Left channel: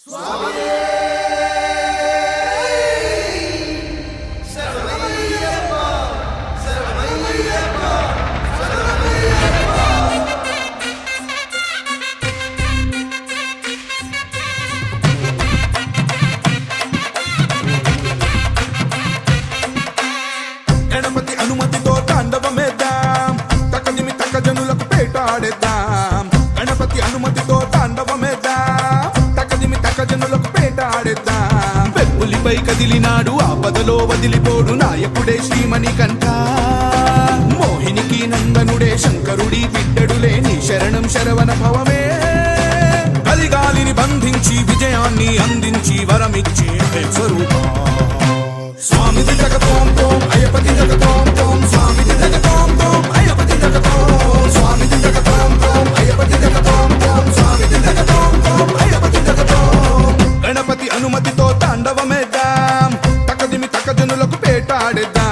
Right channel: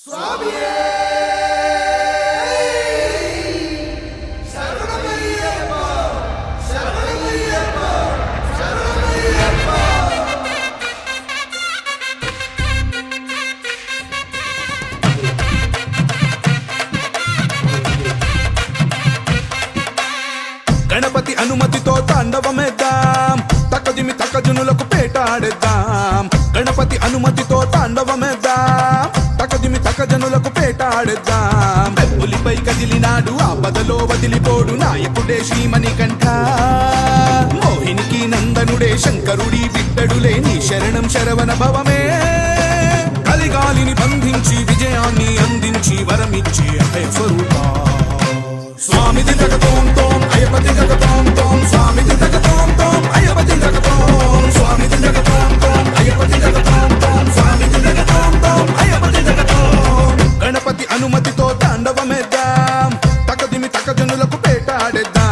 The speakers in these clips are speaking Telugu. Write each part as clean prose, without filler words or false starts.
గణపతి అనుమతితో తాండవమేద్దాం, తక్కజిమి తక్కజనులకు పేటాడేద్దాం. గణపతి అనుమతితో తాండవమేద్దాం, తక్కజిమి తక్కజనులకు పేటాడేద్దాం. వెప్పులిపై కదిలినాడు ఆపదలో వదిలిపోడు నాయకుడే శ్రీమణికంఠ. మోహినికి నందనుడే శంకరుడి బిడ్డడులే నీ శరణం శరవణ భవమే. కలిగాలిని బంధించి విజయాన్ని అందించి వరమిచ్చి స్వరూప స్వామి దినగతోం తోం అయ్యపతి జగతోం తోం స్వామి దినగతోం తోం అయ్యపతి జగతోం స్వామి దినగతోం తోం అయ్యపతి జగతోం తోం స్వామి దినగతోం తోం అయ్యపతి జగతోం. గణపతి అనుమతితో తాండవమేద్దాం, తక్కదిమి తక్కజనులకు పేటాడేద్దాం.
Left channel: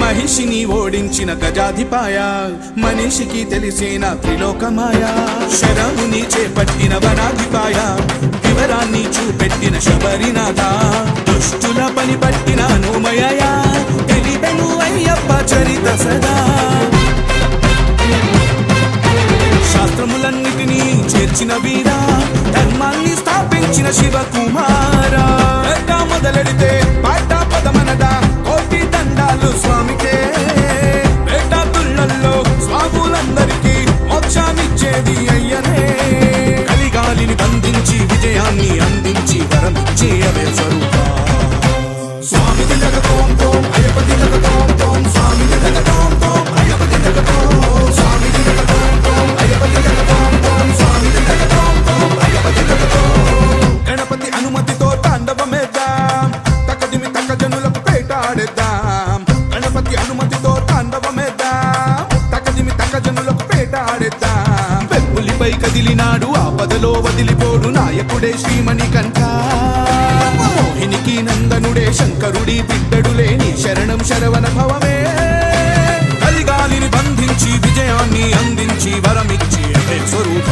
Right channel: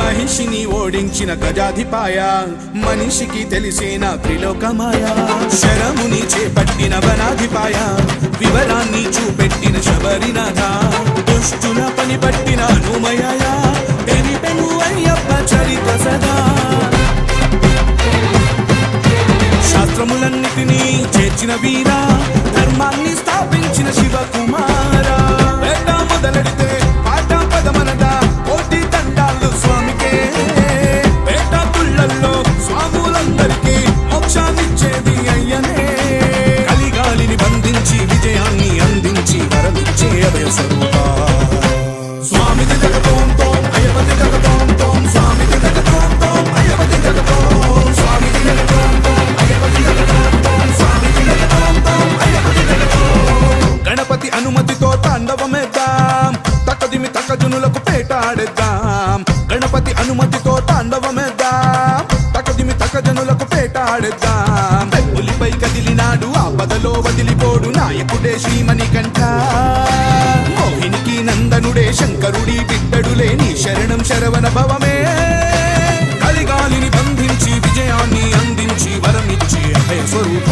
మహిషిని ఓడించిన గజాధిపాయ, మనిషికి తెలిసిన త్రిలోకమాయ. శరముని చేపట్టిన వనాధిపాయ, వివరాన్ని చూపెట్టిన శబరినాథ. దుష్టుల పని పట్టిన హనుమయ, తెలిపెను అయ్యప్ప చరిత సదా. శాస్త్రములన్నిటినీ చేర్చిన వీర, ధర్మాన్ని స్థాపించిన శివకుమార. మొదలెడితే పాట పదమనట కోటి దండాలు స్వామికే. పేటాతుళ్ళల్లో స్వాములందరికీ మోక్షాన్నిచ్చేది అయ్యనే. కలిగాలిని బంధించి విజయాన్ని అందించి వరమిచ్చే అభయ స్వరూప స్వామి జగతోం తోం అయ్యపతి జగతోం తోం స్వామి జగతోం తోం అయ్యపతి జగతోం స్వామి జగతోం తోం అయ్యపతి జగతోం తోం స్వామి జగతోం తోం అయ్యపతి జగతోం. గణపతి అనుమతితో తాండవమేద్దాం, తక్కదిమి తక్కజనులకు పేటాడేద్దాం. గణపతి అనుమతితో తాండవమేద్దాం, తక్కదిమి తక్కజనులకు పేటాడేద్దాం. వెప్పులిపై కదిలినాడు ఆపదలో వదిలిపోడు నాయకుడే శ్రీమణికంఠ. మోహినికి నందనుడే శంకరుడి బిడ్డడులే నీ శరణం శరవణ భవమే. కలిగాలిని బంధించి విజయాన్ని అందించి వరమిచ్చి స్వరూప